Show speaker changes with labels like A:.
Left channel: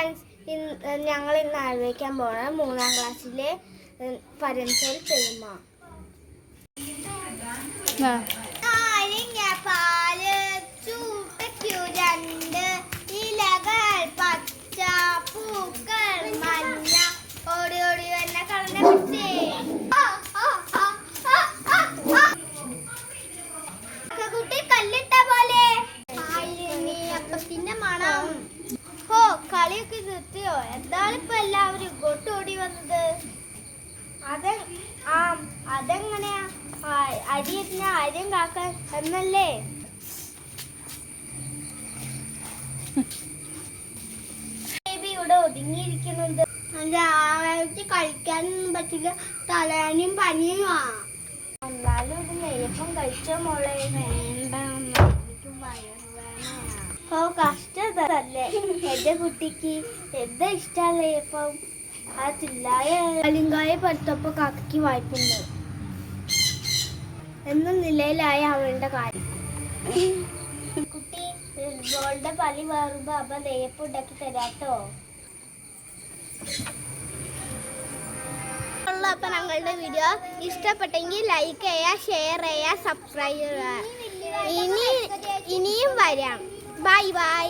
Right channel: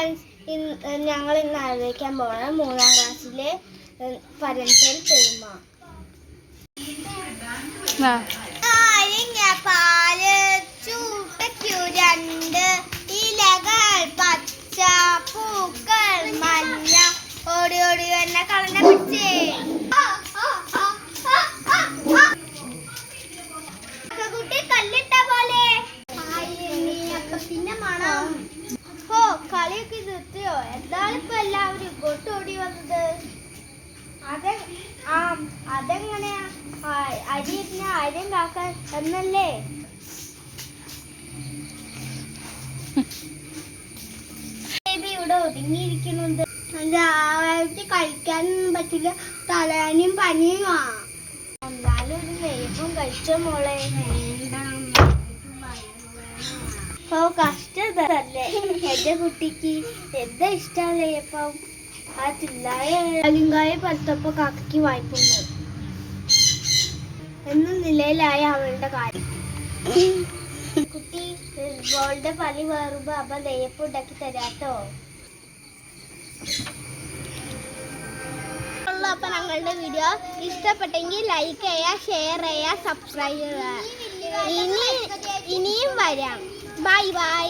A: Friends ഞങ്ങൾ ഇന്ന് ആലോചിക്കാൻ പോണ? മൂന്നാം ക്ലാസ്സിലെ പരൻസൽ പെരുമ. പാൽ ചൂട്ടയ്ക്കു രണ്ട് ഇലകൾ പച്ച പൂക്കൾ മഞ്ഞ. ഓടി ഓടി എന്നെ കളഞ്ഞ പിടിച്ചേ കുട്ടി കല്ലിട്ട പോലെ. അപ്പത്തിന്റെ മണം. കളിയൊക്കെ നിർത്തിയോ? എന്താണ് ഇപ്പൊ എല്ലാവരും ഇങ്ങോട്ട് ഓടി വന്നത്? അതെ ആ അതെങ്ങനെയാ? അരിയെ അരിയിരുന്ന അരിയും കാക്കാൻ എന്നല്ലേ? ബേബി ഇവിടെ കഴിക്കാനൊന്നും പറ്റില്ല. തലവേനയും പനിയുമാ എന്നാലും ഒരു നെയ്യപ്പം കഴിച്ച മോളെ? വേണ്ട ഓ കഷ്ടതല്ലേ എന്റെ കുട്ടിക്ക് എന്താ ഇഷ്ടം ഇപ്പം ആ തില്ലായ അലിങ്കായ പലത്തപ്പോ കാക്കയ്ക്ക് വായിക്കുന്നു എന്ന നിലയിലായ അവളുടെ കാര്യം. കുട്ടി മോളുടെ പണി മാറുമ്പോ അമ്മ നെയ്യപ്പം ഉണ്ടാക്കി തരാട്ടോ. അപ്പൊ ഞങ്ങളുടെ വീഡിയോ ഇഷ്ടപ്പെട്ടെങ്കിൽ ലൈക്ക് ചെയ്യുക ഷെയർ ചെയ്യുക സബ്സ്ക്രൈബ് ചെയ്യുക. ഇനി ഇനിയും വരാം. Bye bye